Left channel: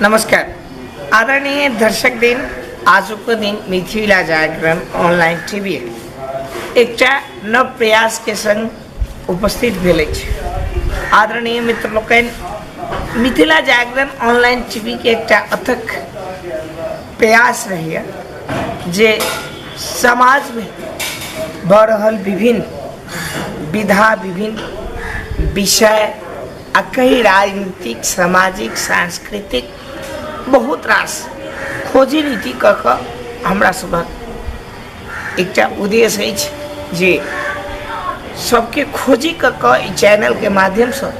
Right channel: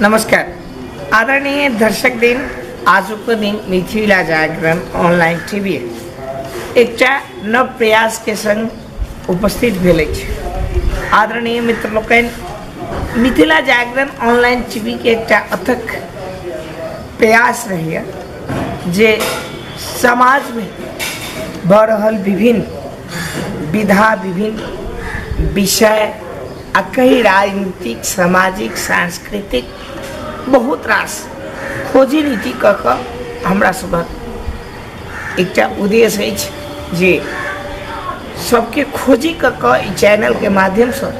नमस्कार आदरणीय दर्शक दिन आजुको दिन मिथिला जागरण ऑनलाइन टीवी एकटा नव प्रयास के संग उपस्थित भेल अछि। आदरणीय मित्र लोकनि, मिथिला जागरण ऑनलाइन टीवी के एकटा अथक प्रयास रहैया जे समाज में भऽ रहल विभिन्न विधा विभिन्न विषय आ कई राजनीतिक सामाजिक सांस्कृतिक बहुत रास खोजी नीति कऽ कऽ हमरा सभक एकटा उद्देश्य अछि जे सबके खोजी कऽ कऽ ई चैनल के माध्यम से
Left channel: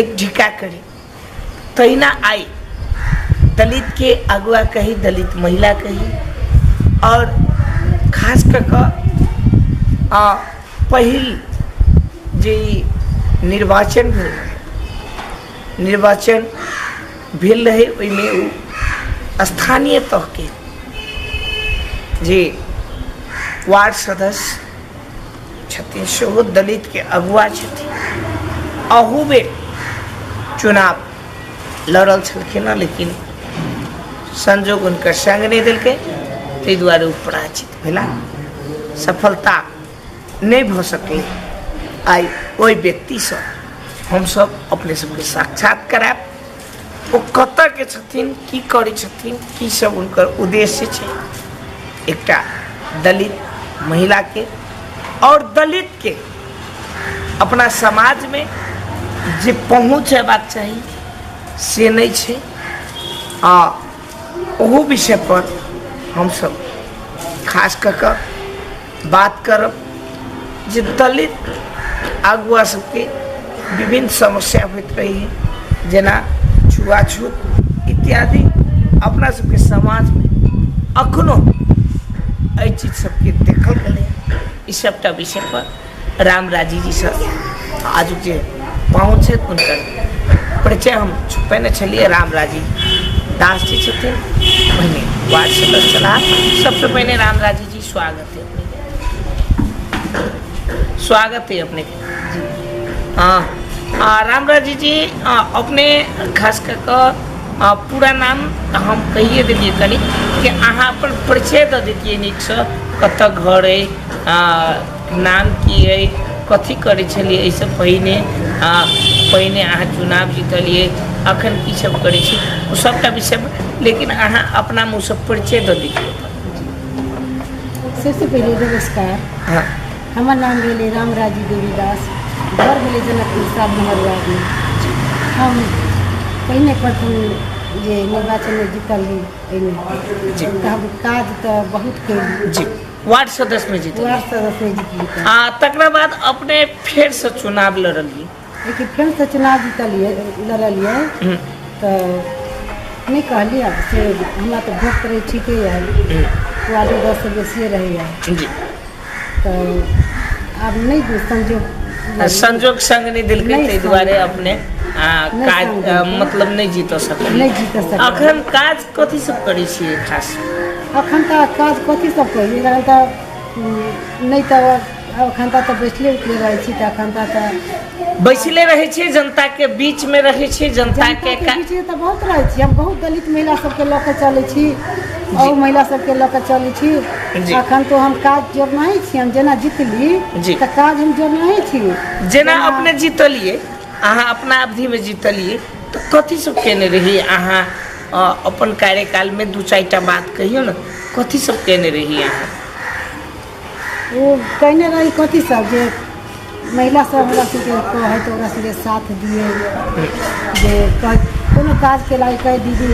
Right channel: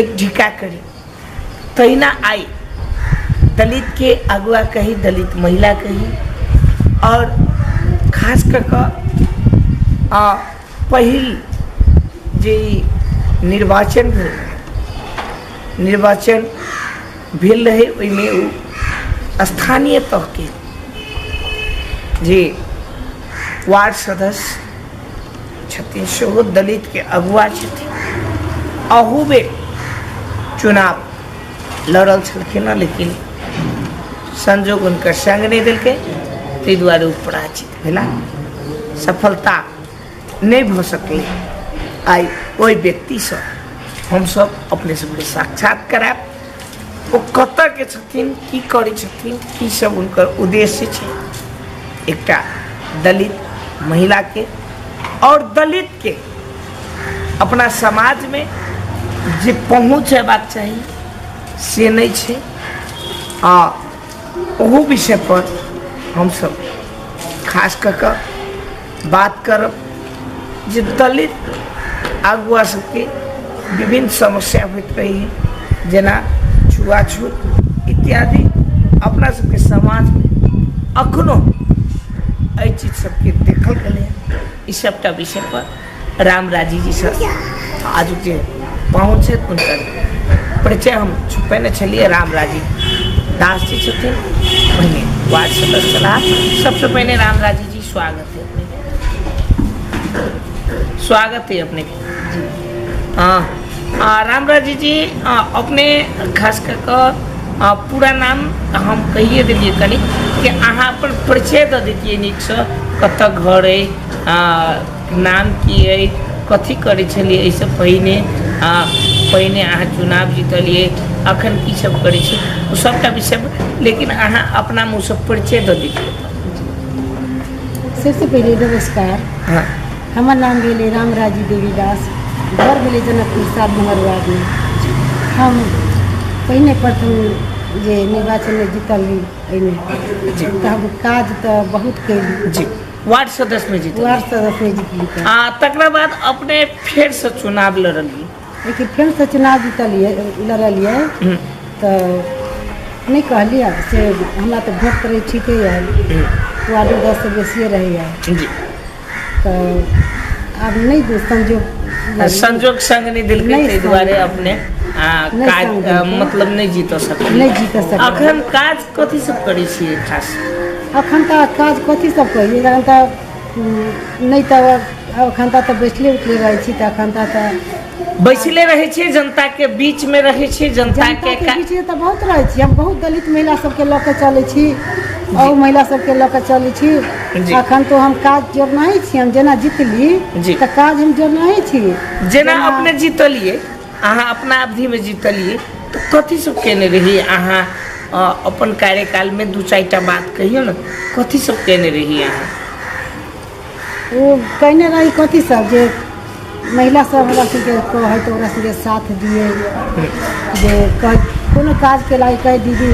एक ढिका करी। तहिना आई दलित के अगुआ कही, दलित महिला कही, और खास कऽ कऽ पहिल जे निर्वाचन भेल रहे ओहिमे ओ स्थानीय तह के जे वार्ड सदस्य छथिन सेहो दलित के अगुआ छथिन। अहू बेर चुनाव लड़ल छलखिन, लेकिन संजोग हुनकर संग नहीं देलकै, ताहि दुआरे ओ पराजित भेला, सफलता नहीं भऽ सकलै। आई ओहि व्यक्ति से हम सब अपने सबके साक्षात कराब, वो कतऽ के छथिन, की करै छथिन, की सब उनकर उद्देश्य छै। एकटा दलित महिला के और दलित के अपना समाज में जे पहुँच हेबाक चाही से नहीं छै। ओहो विषय पर हम सब खास कऽ कऽ बात करब जे दलित अगुआ सबके विभिन्न समस्या होइत रही है, जेना छुआछूत इत्यादि अपना सबके समाज में अखनो एहि चीज सबके देखल गए। ई सबटा विषय पर रामराजी जी से आज जे पहुँच है उनकर परिचय हम छुपैने छलिए। रामराजी दास जी छथिन, पहिने वार्ड सदस्य छलाह। सबसे पहले रामराजी जी स्वागत है अपने, स्वागत है अपने के। रामराजी जी अपने खास कर पूरा नाम हम कहिए दिए कनी कि अहाँ अपन परिचय दऽ दितियै नीक से, कतऽ घर है, नाम की है, कथी करै छलिए, एहिसँ पहिने अहाँ चुनाव जीतलिए, अखन की सब करै छी, ओ सबटा विषय। लेकिन अहाँ अपना मुँह से परिचय दऽ दितियै। सबसे पहले नमस्कार। हाँ, हमार नाम भेले रामराजी देवी दास, घर भेले जनकपुर 7 नंबर वार्ड में। हम पहिने प्रथम जे निर्वाचन में जीतली, जी हम काज तो बहुत कैली जी, वार्ड सदस्य में जीतली, वार्ड सदस्य में जीतली। तकरा बाद अपने फिर से चुनाव लड़लिए, लेकिन फिर से चुनाव जीतलिए, लड़लिए तो नहीं कहलिए से हमरा तो भोट करे ठीक है, वार्ड 10 से बेसिए रहे जी। तो अब नहीं दो संजोग संग नहीं दिल के, ताहि दुआरे अपने काज मतलब नहीं जीत सकते। अखन काज कथी सब करै छियै खास? अखन तो काज कथी सब करिए, तो नहीं तो अखन तो बैठले उठले रहे छी, तो अखन तो बैसले रहे छी, जनता के बीच में रहे छी, जनता के बीच में तो बहुत रहे छी। हम बहुत दलित महिला सबके लऽ के चले छी, और महिला सबके लऽ के चले छी। अखन तो हम काज जोड़ना ही छी, हम जेना जीतली तो काज हम जोड़ना ही छी। जेना अपने जीतलिए, अहाँ अपना अवधि में जीतलिए, तो कथी सब केने रही अहाँ अपन कार्यकाल में? 2-4टा बात कहियो ना, कथी सब केने रही अहाँ? वो कहने रही कथी सब जे महिला सब हमरा सबके कहे तो ओकरा सबके साथ दिए, जे कोनो काज के लायक कह दीदी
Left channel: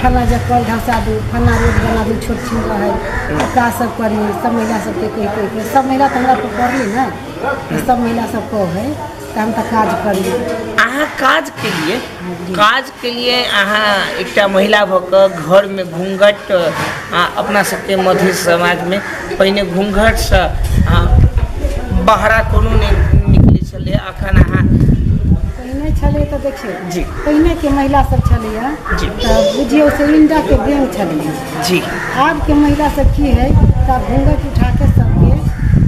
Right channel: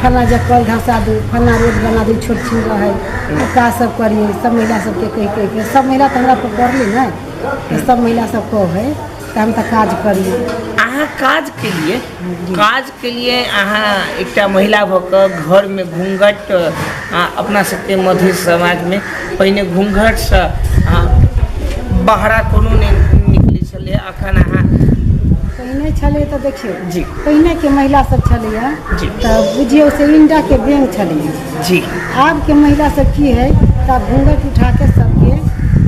फलना जगह कल धसा दू, फलना रोड बना दू, छोट छीन रहे काज सब करिए। सब महिला सबके कह के सब महिला तो हमरा पर पढ़ली ना, तो सब महिला सब कहे तो हम तो काज करिए। अहाँ काज के लिए अहाँ एकटा महिला भऽ घर में घूंघट, अपना सबके मध्य समाज में पहिने घूंघट से बाहरा कोनो नहीं निकले छले, अखन अहाँ पहिने छले तो देखिए जी, पहिने के महिला सब छले तो बुझियो से इंडा के बैंक छले जी। आब के महिला सब की है, तब घूंघट उठा के सबके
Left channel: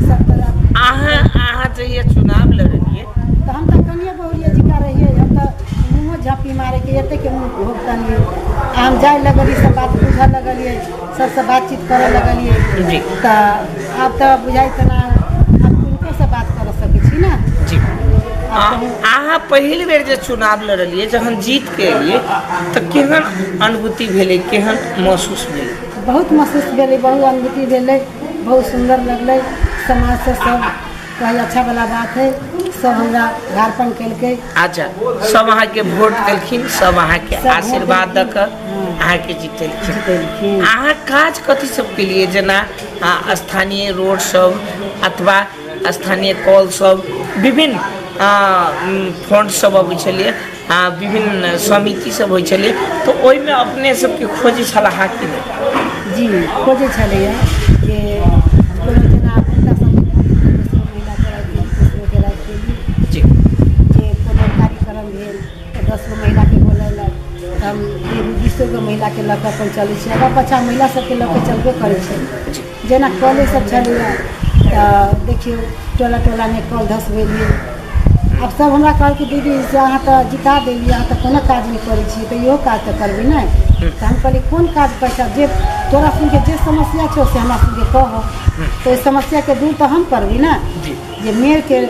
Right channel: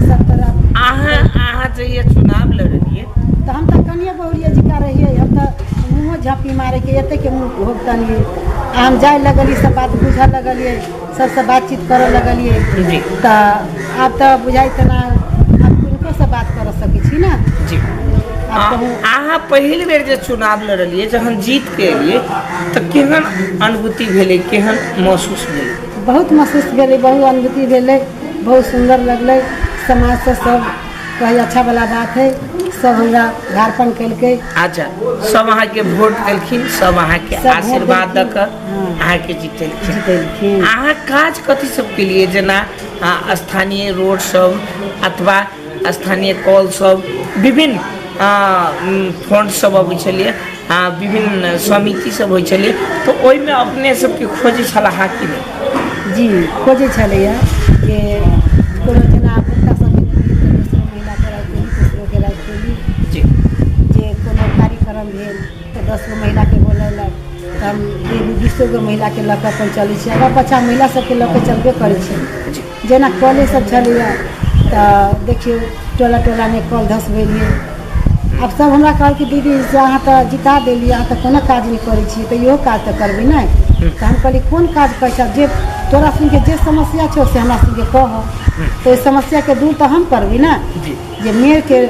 सब तरह। अहाँ जहिया चुनाव लड़लिए तो हम तो कनिए बहुरिया जिका रहिए, हम तो मुँह झाँपी मारे के एते के मुँह भोगतनिए। हम जाए लगलिए, सब बात बुझे लगलिए, सबसे बातचीत करे लगलिए। जी। तो आप तो बुझाई तना आप किनको से बात कर सके छी ना। जी। आप कहूँ अहाँ पहिल बेर जे चुनाव लड़लिए, जहन जीत के एलिए तो केहन अनुभूति भेलै, केहन महसूस भेलै? बहुत महसूस भेलै, बहुत अनुभूति भेलै, बहुत सुंदर लगलै। समाज से सब कही अच्छा वाला बात है, सब हमरा घारपन केलकै। अच्छा, सब अहाँ के वोट देलखिन, सब अहाँ के सब वोट आशीर्वाद दऽ देलखिन। कऽ अहाँ के जीतेलखिन। जीतेलखिन। अहाँ काज कथी सब के लिए, जेना स्थानीय रोड सब अथवा स्थानीय कॉल सब, विभिन्न फंड सब अबै छलिए, विभिन्न समिति सब होइ छलिए, तो ओहिमे अपने सबके खोजै छलाह कि नहि? जी खोजै छलैया जे कोनो जेना भोक्ता समिति भेल तऽ दोसरो महिलाके राखि देली, तेसरोके राखि देली। जी। जे कोनो कार्यक्रम भेल तऽ 10 गो महिलाके बोलैलक, तऽ हम 20 गो महिलाके लऽ कऽ अपन चलै छी। आगाँ पाछाँ महिला सबके लऽ कऽ चलबे करै छै। जेना कले सब छलैया तऽ देखियौ टोला टोलामे कल धसबेलिए। आब सब हमरा कहल कि दीदी से अहाँ तऽ जिता देलिए, अहाँ तऽ कोनो काज नहीं करै छी, तऽ इहो काज तऽ करबै नहीं। तऽ हम कहली कोन काज पैसा, जे तोरा सुनके जे समस्या छौ से हमरा सुनके कह, तो इस समस्या के दूर तो हम करबै ना। जे मेयर के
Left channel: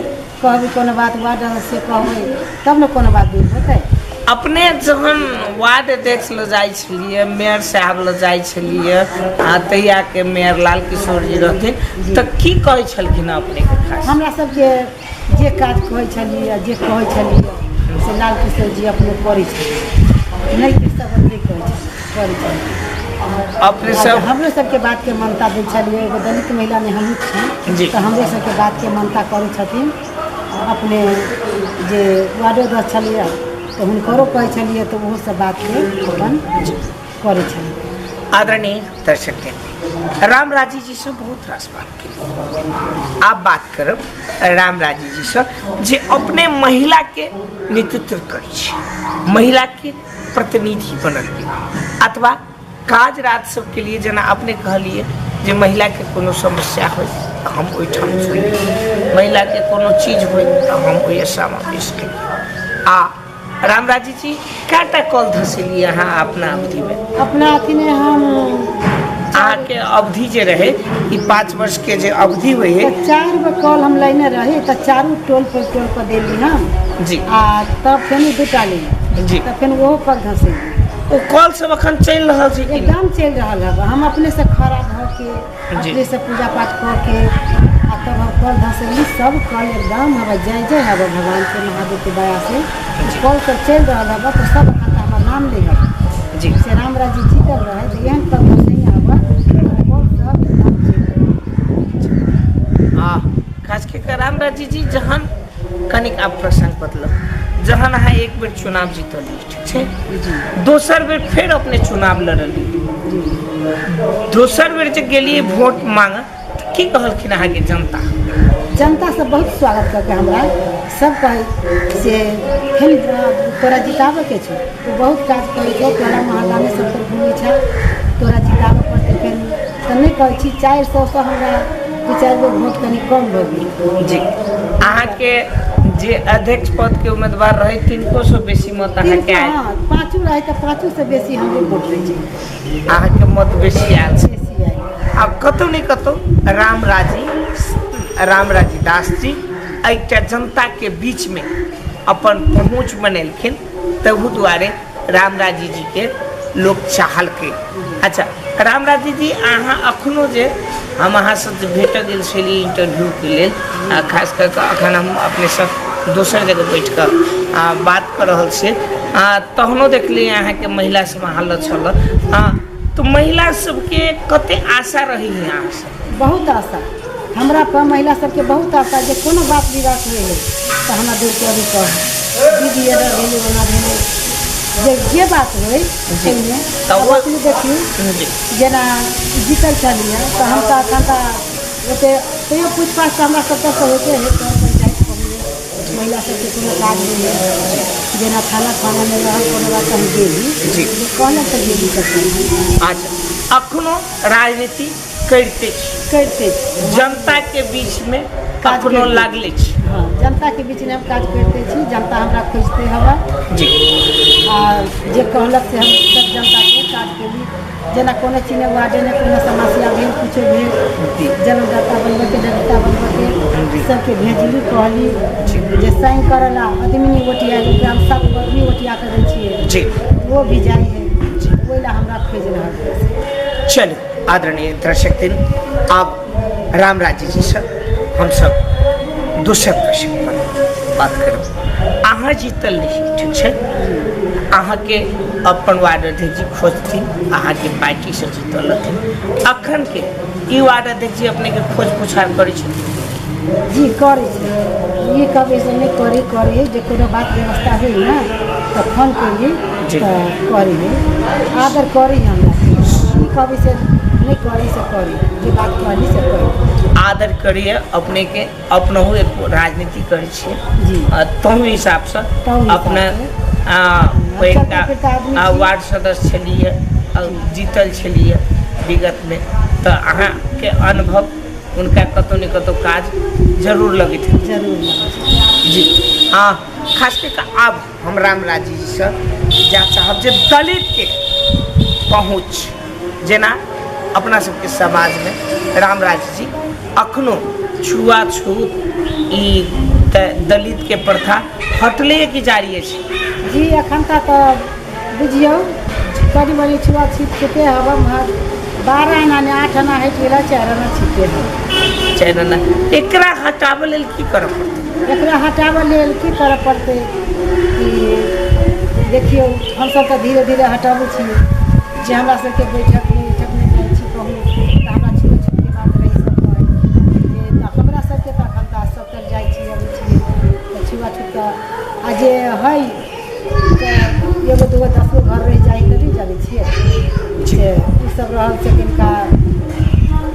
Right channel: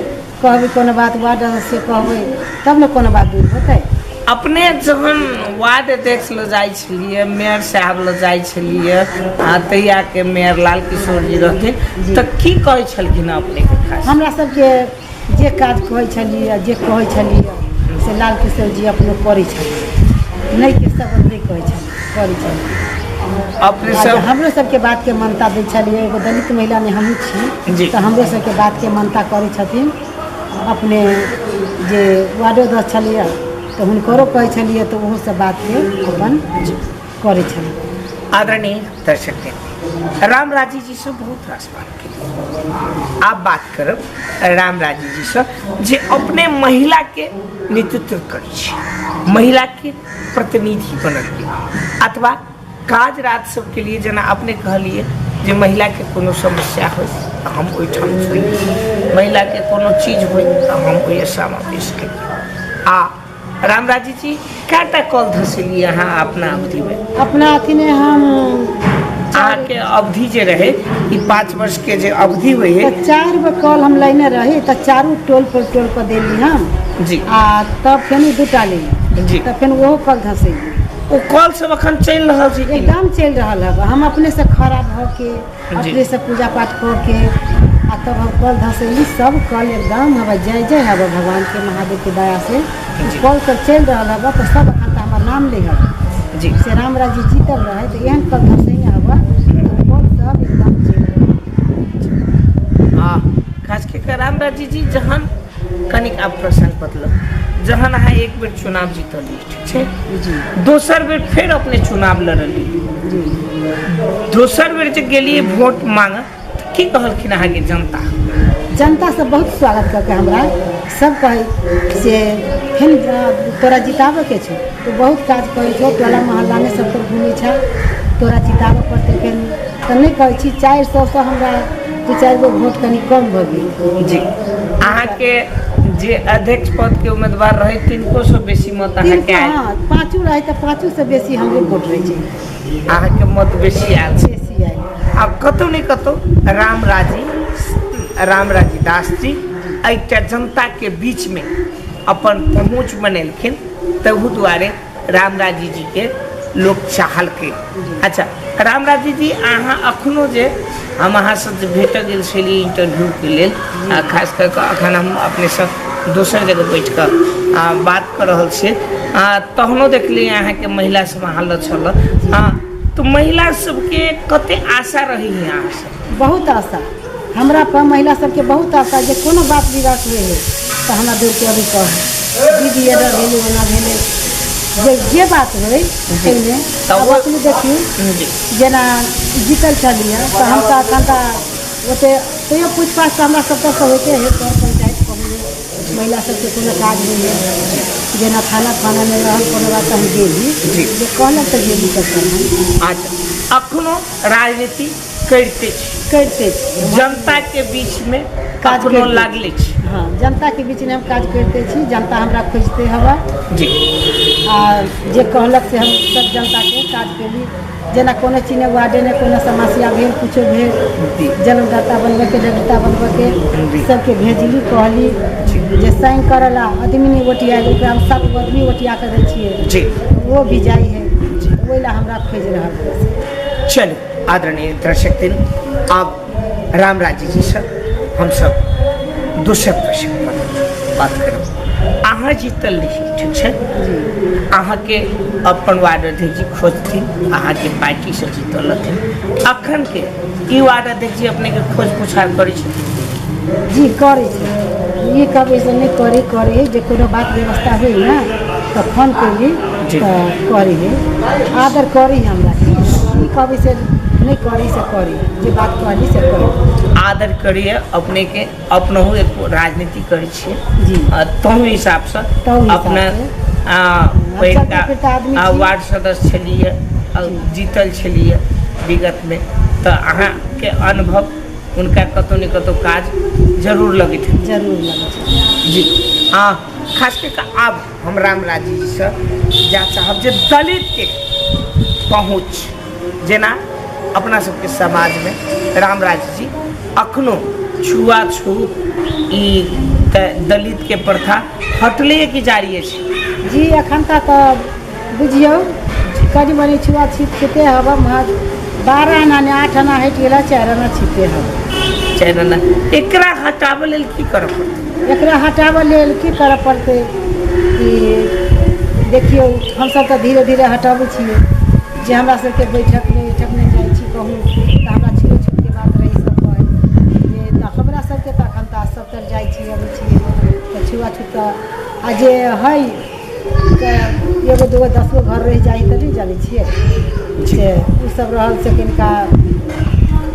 कहबै कोनो बात, वार्ड से कहबै तब ने कोनो बात दूर होतै। अपने जहन वार्ड अध्यक्ष लऽ जाइ छलिए, मेयर साहब लऽ जाइ छलिए, तहिया के मेयर लाल किशोर जी रहथिन, तऽ की कहै छलखिन अपने के? खास हमरा सबके जे काज कहै छलिए, जे कहै छलिए से लाल किशोर जी अपने करै छलिए, नहीं के सब नहीं कहै छलिए, करै छलिए। अपने सब हमरो सबके बात के मानता दै छलिए। एगो दलित महिला ने हमहूँ छी, तो हमरो सबके बात के मानता करै छथिन। अपने जे वार्डो दस छलिए तो हुनकरो कहै छलिए, तो ओहो सब बात के अपन करै छलिए। आदरणीय दर्शक, रामराजी जी से बहुत रास बात की। आप बात करब रामराजी जी से, जे अपने महिला के नेतृत्व करै छी, महिला के प्रतिनिधि बनल अथवा काज राज सबके लिए, जेना अपने कहलिए जे महिला के कोनो समस्या हो तो हम ओहिठाम सुनी, महिला के कोनो चीज हो तो हम ओहि समावेश करिए। आ रामराजी जी कएटा कॉल धसेलिए अहाँ अपना अवधि में? अपना अथी में हम अहाँ के अवधि जे रहे, ई 5 वर्ष के जे अवधि हुई है, तो 4 गो कॉल हम लेने रहे, तो चारों टोल पर देली हम। जी। तब फिर 2टा ली जी। तब फिर वो कॉल धसेली। ओ कॉल सब अखन चल रहा है? एकदम चल रहा है। हम अपने से खड़ा भ के, अपने से पूजा पाठ कर के, तब हम कल धसेली। सब कल एकदम हवा जय जय हवा भगवान के, महादेव के दया से कल सब चल रहा है। तो सब अखन हमार नाम ले हवा जी से रामराजी जीतल रहे, तो एहन कल धसे हवा, तो कल सब एकदम चल रहा। खास के रामराजी जी जहन कनिक आप प्रसंग बदलब, जहन अहाँ एक बेर चुनाव जीतली, ठीक छै जी, दोसर बेर फिर अपने चुनाव लड़ली, दोसर बेर जे गेलिए वोट मांग, तो की कहलखिन अहाँ के जनता? जनता सब बहुत स्वागत करके हमरा सब कहे से फिर तोरा जिताबे के छो, तो बहुत काज करे छो, टोला मोहल्ला में सब तो घूमे छ, तोरा जिताबे पड़ते। फिर तो नहीं कहे छी 400 से हमरा 2-4 गो वोट कनी कम भ गेल। जी। अहाँ के जे अध्यक्ष पद के उम्मीदवार रहे, तिनको से बेसी मत अहाँ के आयल? हाँ, 5 रहे तो 5 से बेसी हमरे वोट रहे छै। अहाँ के मत बेसी आयल छै। बेसी आयल। अब कतौ नहीं कतौ रामराजी दास जी एकटा जनता के बीच में अपन पहुँच बनेलखिन, तहू दुआरे रामराजी जी के लोग चाहल के। अच्छा रामराजी जी, अहाँ अखनो जे हम अहाँ से भेट गेल छली इंटरव्यू के लिए, खास करके अखन हम अपने सब दोसर जगह बैठ कर बात कर रहा छे, तहनो देखलिए अहाँ के महिला सब हाल छल, तो महिला सबके कते आशा रही है अहाँ से? बहुत आशा हमरा पर महिला सबके बहुत आशा, जे कोनो बात विवाद हुए है तो हमरा दूर के अभी कह दीदी एडर भेले ओना भेले, जे बात होय एहिमे तब अपने देखियो जेना जीतल छलिए, तो हम तो अखन ओते तैयो पूछपाछ हमरा सब से होते है। तौर पंचायत कहले महिला सबके कोनो काज होइए, जेना खाना में रहल कोनो बात हम गेली, जे कहलक तो गेली करते। अच्छा अखनो राजनीति करते करते जनता के बीच में काज कखनो करते लागले छी। हाँ जनता के बीच में हम काज करते छी, जनता हमरा खोजते हवा जी आ जे कहलक से हम सब जनता के काज केली। जेना कोनो चीज ने वार्डे ने कोनो समस्या भेल, कुछो जी। भेल, जन्मदाता बनबे के डेटा बनबे जी। के सबके भेजली, कहली जी। जे साइन करला आदमी नहीं ओटिया ओकरा हम 7 आदमी ओटिया कर दै छियै, जी वो भी जाई है, ओहि ला हमरा खोज रहल है। चलिए आदरणीय दर्शक अब रामराजी जी से हम सब दोसर प्रश्न पर बात करब। अहाँ जीतल रही, ठीक है, अहाँ के अपन वार्ड अध्यक्ष जी खोजथिन, अहाँ के पार्टी से जीतल रहथिन, अखन के ई वार्ड अध्यक्ष जी अपने के खोज पुछार करै छथिन? जी करे छै, ये कभी से नहीं करे जे कोनो बात व्यवस्था हुई ना तो फोन करी जी। तो करी है, आदर करी हमरा के, ई कभी से नहीं करी से करी, जे बात कहली से करी। आदर करिए अपने के, अपनहु एक राजनीति करै छियै जी। तहु हिसाब से तहु हिसाब अपना से। पहिलका चलता आदमी छी। वार्ड सदस्य छलिए, जीतल छलिए विगत में, तो अहाँ के अनुभव उनका कतौ न कतौ काज जरूर लगित है। जरूर लगे छै। जी हाँ, खास करके अब हम रामराजी जी से जा चाहब जे दलित के पहुँच, जेना अपना सबके समाज में रामराजी जी अखनो छुआछूत ई दलित के प्रथा हटले कि जारी है? जी अखन तक बुझियो कनी मनी छुआछूत खेते हवा महज 12 आना ने 8 आना हटि गेला, 4 आना छिटे हवा। चैनल एकरा हटाबै लेल की करऽ पड़तै? एकरा हटाबै लेल की करऽ पड़तै कि देखियो हम सब तो धीरे धीरे हटाबै छियै, जे हमरा सबके बैठक में जाइ छी कहूँ तो हमरा छुआछूत के बात रही सब कहे जे तऽ हमरा सबके तऽ अखन तऽ सब तर जाइ छी अबै छियै तऽ छुआछूत आ जे है एगो दूगो 10 गो घर रह जाइ तऽ नहीं जानै छियै से उ सब रहल से कनिका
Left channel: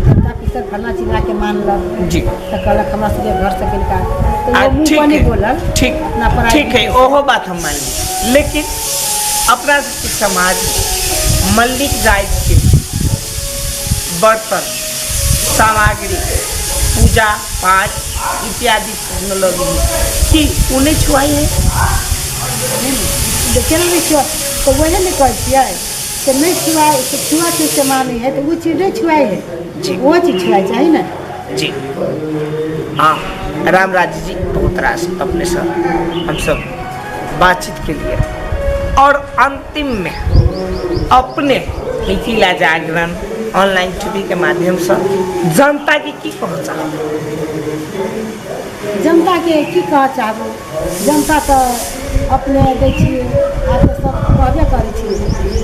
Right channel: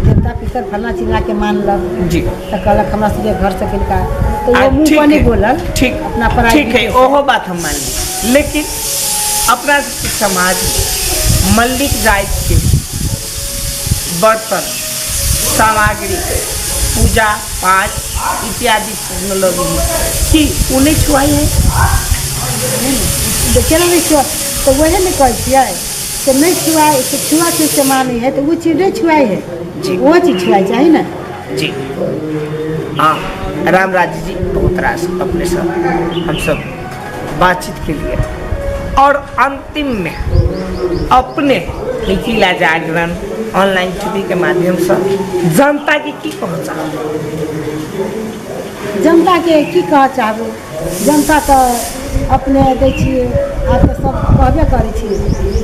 देवता पितर फलना चिल्ला के मानलक जी, तो कहलक हमरा सबके घर से कनिका, तो वो मुंह ठीक पर नहीं है, बोलल, ठीक अपना पराई ठीक है, ओहो बात हम मान ली, लेकिन अपना सबके समाज में मल्लिक जाति के बर्तन सामग्री पूजा पाठ इत्यादि टेक्नोलॉजी की उन्हें छुआई है? केना नहीं छुआ, तो वही नहीं कहै छियै कि नहीं छुआए, तो छुआछूत से माने है तो वो चीज नहीं छुआई है, जी। वो चीज छुआई चाहिए ना। जी हाँ, रामराजी जी बहुत रास अपने से हम सब बातचीत के लिए, और अंतिम में अपने मिथिला जागरण ऑनलाइन टीवी के माध्यम से जनता के की कहना चाहब? जनता के की कह चाहबो, जनता तो अपने दै छियै, आब तो सब कहबे करै छी,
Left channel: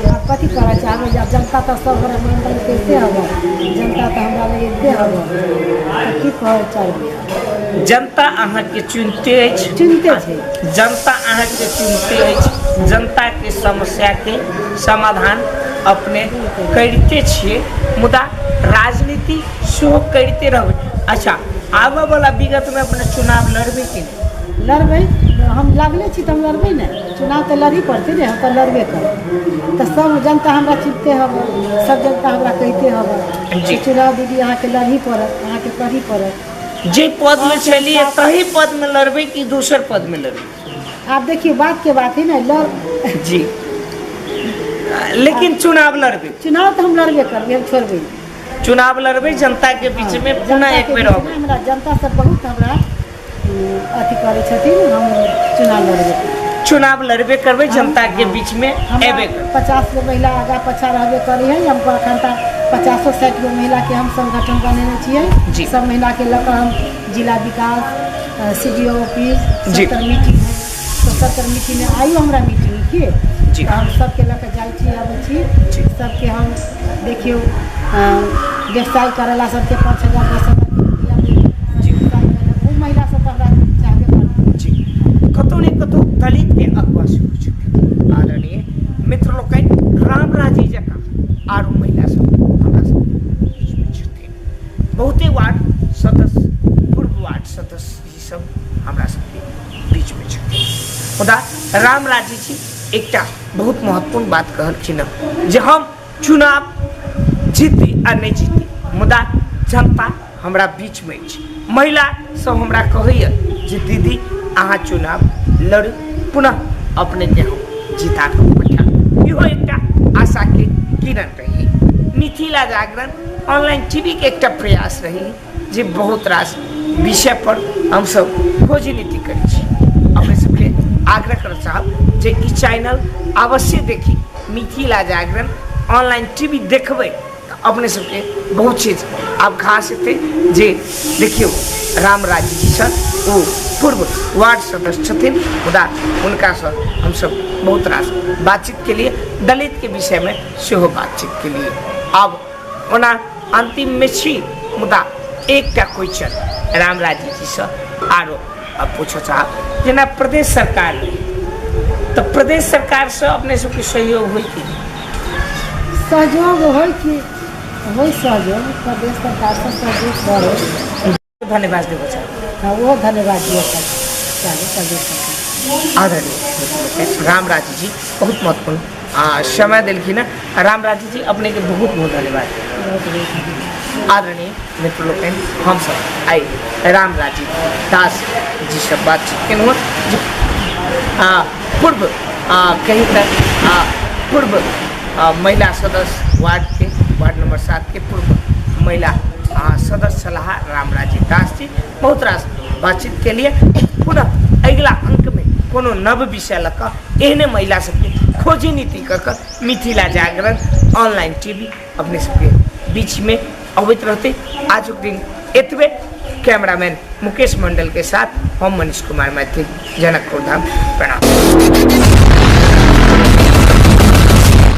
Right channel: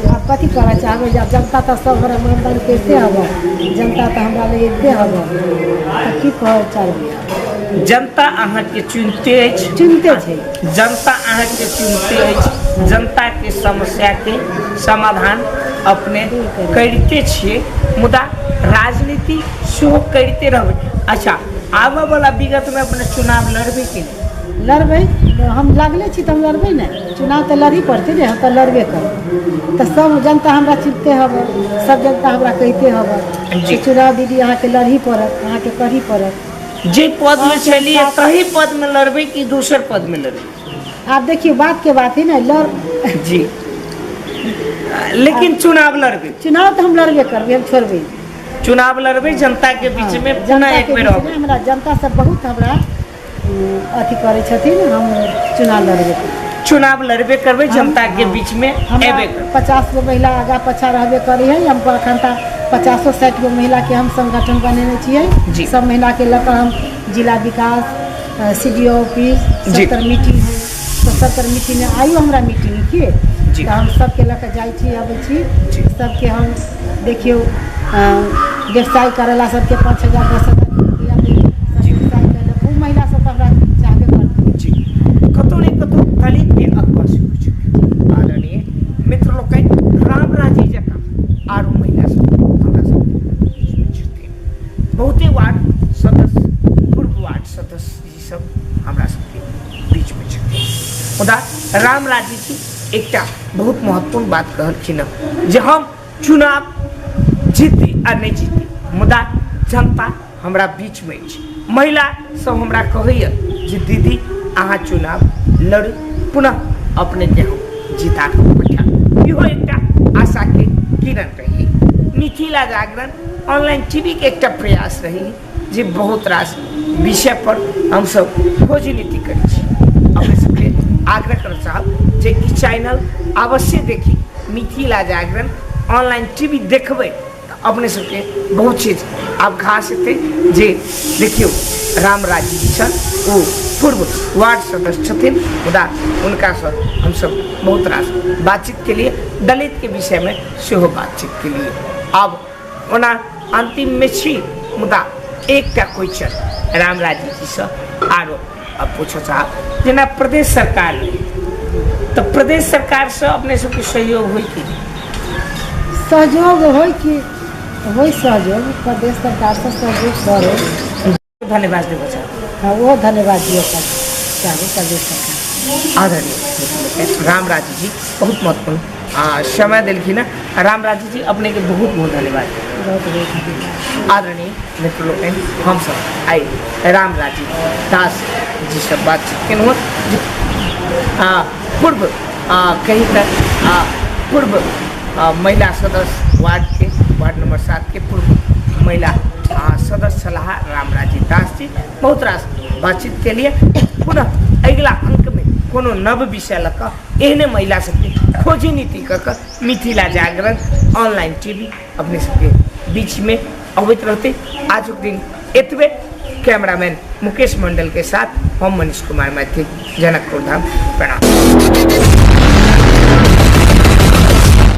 आब कथी करऽ चाहबै, जब जनता तो सब हमरा ईमानदारी करते हवा, जनता तो हमरा ले एते हवा, तो की कहऽ चाहबै? जनता अहाँ के चुनते अछि, चुनते छै, जनता अहाँ के चुनते अछि, जनता के समस्या के समाधान अपने करते छिए, मुदा राजनीति सेहो करते रहबै। अच्छा, आबऽ वाला विगत में अपने चुनाव लड़बै कि नहीं? लड़बै, हम लागले छी तऽ हम लड़बै ने, चुनाव तऽ लड़ी पड़तै ने, हम तऽ लड़बे करब, तऽ सब जनता हमरा चिनते हवा, सब जनता हमरा कहते हवा जी। चुनाव दीदी अहाँ के लड़ी पड़त, अहाँ के करी पड़त। जे पद में चलिए तही पद में लड़बै कि दूसर पद में लड़बै? आप देखिए बात के बात है ना, लड़ जी, लेकिन चुनाव लड़बै, चुनाव तो हम लड़बे करबे, हम छोड़बे नहीं। चुनाव लड़बै जनता के बीच में, पुनः जनता एक के बेर बीच रहबै। में हमरा जनता सब बहुत हमरा अथी करे छथिन, हम चुनाव लड़बे करब। चुनाव लड़बे करबै, जनता के बीच में हमरा एबे करबै। 50 गो महिला आगा पछा रहबे करी है, हम अखन तक 50-60 गो महिला के हम संगठन बनेने छियै, जी। सब महिला के लऽ कऽ हम जिला विकास CDO ऑफिस जी। 70 मीटिंग है, तो 70 मीटिंग में आयु हमरा मीटिंग के जी। तो हम सबके लऽ कऽ जाइ छी, अबै छी, जी। सबके हम देखियो व्यवसाय करेला सबके 5,000 10,000 के रुपया दै, जी। व्यवसाय करेला उ महिला सब तो हमरा चाहबे करते। जी, कतौ ने कतौ दलित के अगुआ सेहो छथिन। आदरणीय मित्र लोकनि, रामराजी जकाँ आरो महिला सब हमरा सबके बीच में छथिन। बहुते वार्ड सदस्य, पूर्व वार्ड सदस्य जी सब हमरा सबके बीच में छथिन, मुदा रामराजी जी एकटा बहुत महत्वपूर्ण बात कहलखिन हँ जे हम चुनाव जीती आ नहीं जीती, मुदा जनता हमरा बीच में अछि, महिला सब हमरा कहैया जे दीदी अहाँ चुनाव लड़ पुनः अपने के हम जिता कर पठाएब। इहो एकटा आशा के किरण रही। मिथिला जागरण ऑनलाइन टीवी के एकटा प्रयास रही जे बहुत रास विषय पर हम सब खोज नीति करै छी। अपने सबके आग्रह कर चाहब जे ई चैनल अवश्य देखी। मिथिला जागरण ऑनलाइन टीवी देखबै तो अपने सबके बहुत चीज आभास हेतै। जे देखियो रामराजी जी छन ओ पूर्व वार्ड सदस्य छथिन, मुदा उनका से हम सब बहुत रास बातचीत के लिए दलित के विषय में सेहो बातचीत के लिए अब ओना अंतिम में छी, मुदा एकटा क्वेश्चन रामराजी जी से आरो अब पूछो चाहब जेना प्रदेश सरकार तो प्रदेश सरकार से अपने सबके सहयोग होई कि सहयोग होई कि होई सहयोग प्रदेश सरकार से सहयोग करे। धन्यवाद देव चाहब। हाँ वो धन्यवाद दिए चाहिए प्रदेश सरकार। आदरणीय रामराजी जी बहुत महत्वपूर्ण समय दिलखिन। रामराजी जी अपने के बहुत बहुत धन्यवाद। बहुत बहुत धन्यवाद। आदरणीय मित्र लोग हम सब आई रामराजी दास जी से बातचीत केलहुँ जो पूर्व कहीं तक पूर्व महिला सदस्य वार्ड नंबर 7 के पूर्व महिला सदस्य सलाह रामराजी दास जी बहुत रास बातचीत के लिए पुनः अगला अंक में कोनो नव विषय लक एहने महिला सबके खोजी नीति क मिथिला जागरण ऑनलाइन टीवी अपने सबके बीच में अवैत रहते। आज के दिन एतबे। कैमरामैन मुकेश मंडल के साथ हम मनीष कुमार मैथिल, जनकपुर धाम, प्रणाम।